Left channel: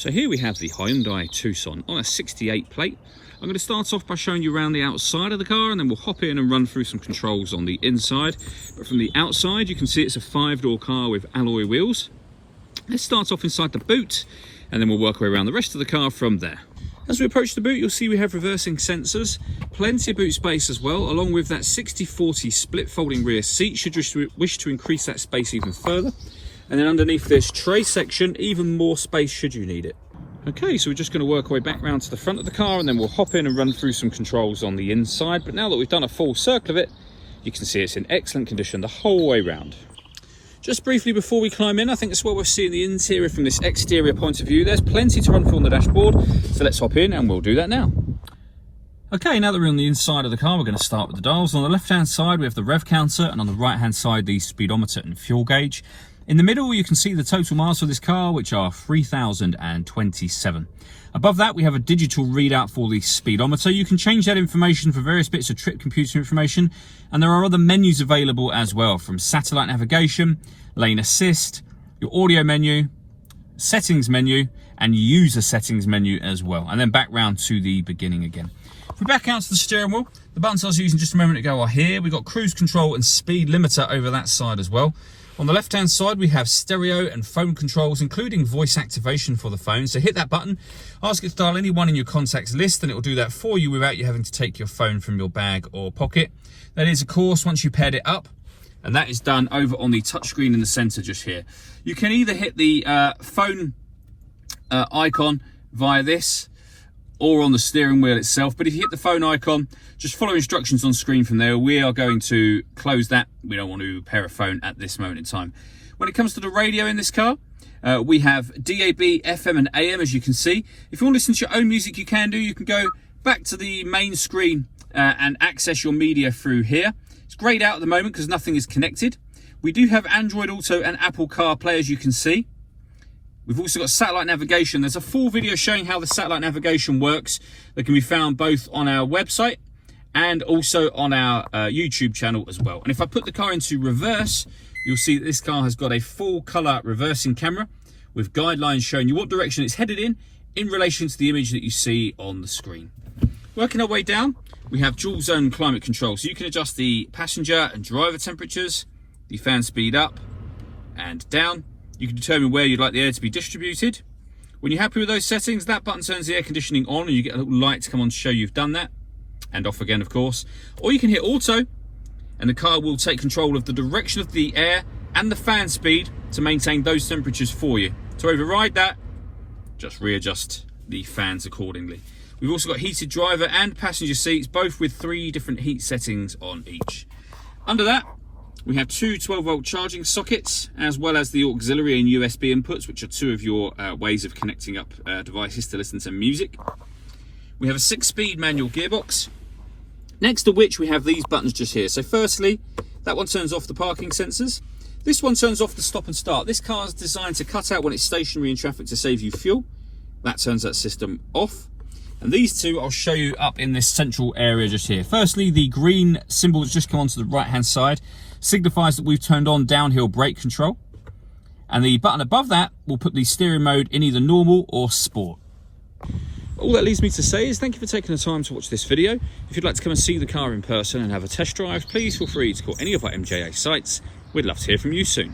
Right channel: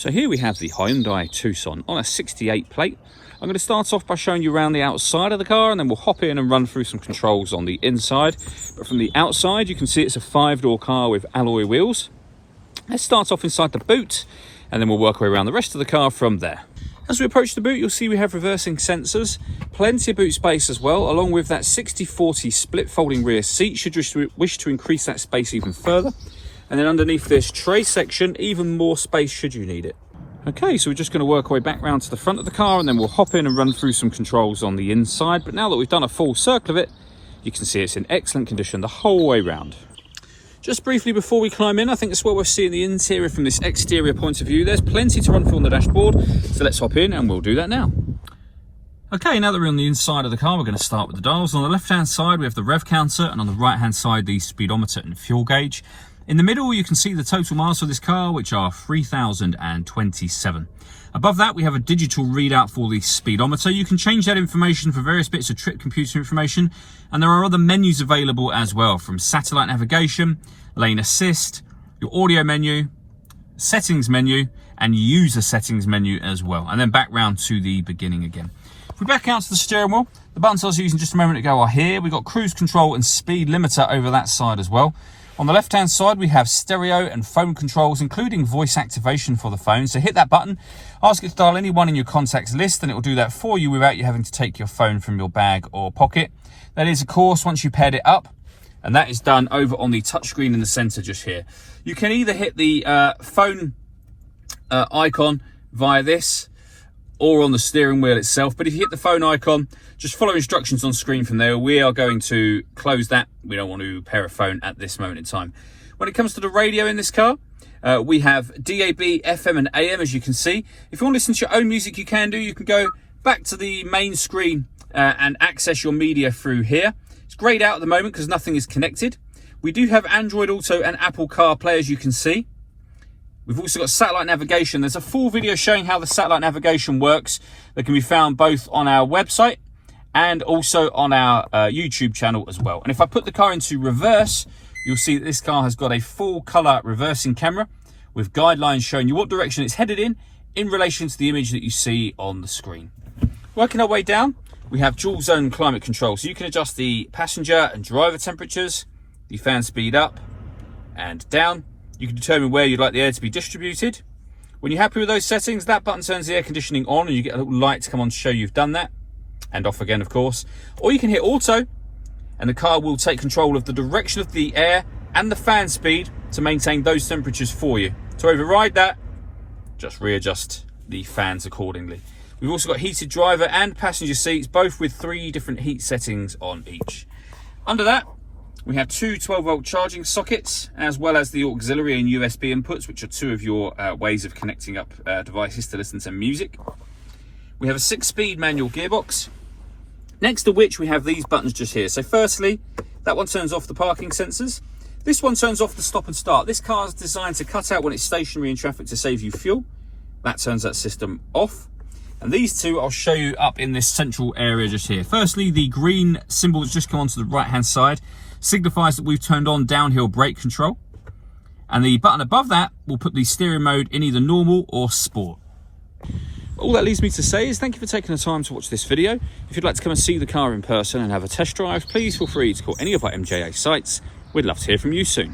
So here we have the Hyundai Tucson on a 68 plate. I'm going to start off by showing you around the outside of the car, and then we'll hop in and run through some controls on the inside. But from the outside, you can see it's a 5-door car with alloy wheels. Let's start off inside the boot, and then we'll work our way around the rest of the car from there. As we approach the boot, you'll see we have reversing sensors, plenty of boot space as well, along with that 60/40 split folding rear seat, should you wish to increase that space even further. And then underneath this tray section, even more space should you need it. Okay, so we're just going to work our way back round to the front of the car, and then we'll hop in and run through some controls on the inside. But now that we've done a full circle of it, you can see it's in excellent condition the whole way round. Just briefly before we climb in, I think that's what we're seeing the interior from this exterior point of view. There's plenty to run through on the dashboard, so let's hop in and we'll do that now. Okay, now that we're on the inside of the car, we're going to start with the dials. On the left-hand side, we have the rev counter, and on the right-hand side, the speedometer and fuel gauge. In the middle, you can see the total miles for this car, which are 3,027. Above that, we have a digital readout for the speedometer. You can change that information for various bits of trip computer information, and there are other menus available as well, from satellite navigation, lane assist, your audio menu, settings menu, and user settings menu as well. And then back round to the beginning again. If we back out to the steering wheel, the buttons I was using just a moment ago are here. We've got cruise control and speed limiter over that side as well. On the left-hand side, we have stereo and phone controls, including voice activation for the phone. So hit that button, ask it to dial anyone in your contacts list, and it will do that for you without you having to take your phone from your bag or pocket. That is, of course, once you paired it up, and that is done over on the touchscreen in the center just here. You can either hit the phone icon via this, or on the steering wheel itself. But if you hit the phone icon, just follow instructions on screen from there. We are going to close that. We don't want to pair a phone at this moment in time. When it comes to the radio in this car, we have DAB, FM and AM, as you can see. If you want to listen to your own music, you can do. You can go back to the main screen and access your media through here. It's grayed out at the moment because nothing is connected. We do have Android Auto and Apple CarPlay, as you can see. We've also got satellite navigation. There's a full video showing how the satellite navigation works that can be found both on our website and also on our YouTube channel as well. And if I put the car into reverse, you'll see that this car has got a full color reversing camera with guidelines showing you what direction it's headed in relation to the image that you see on the screen. Working our way down, we have dual zone climate control. So you can adjust the passenger and driver temperatures, the fan speed up and down. You can determine where you'd like the air to be distributed. When you're happy with those settings, that button turns the air conditioning on, and you get a little light to come on to show you've done that. And off again, of course. Or you can hit auto, and the car will take control of the direction of the air and the fan speed to maintain those temperatures for you. To override that, just readjust the fans accordingly. We've also got heated driver and passenger seats, both with 3 different heat settings on each. Under that, we have 2 12-volt charging sockets, as well as the auxiliary and USB inputs, which are 2 of your ways of connecting up devices to listen to music. We have a 6-speed manual gearbox, next to which we have these buttons just here. So firstly, that one turns off the parking sensors. This one turns off the stop and start. This car is designed to cut out when it's stationary in traffic to save you fuel. That turns that system off. And these 2 I'll show you up in this central area just here. Firstly, the green symbol that's just come onto the right-hand side signifies that we've turned on downhill brake control. And the button above that will put the steering mode in either normal or sport. All that leaves me to say is thank you for taking the time to watch this video. If you'd like to come and see the car in person and have a test drive, please feel free to call any of our MJA sites. We'd love to hear from you soon.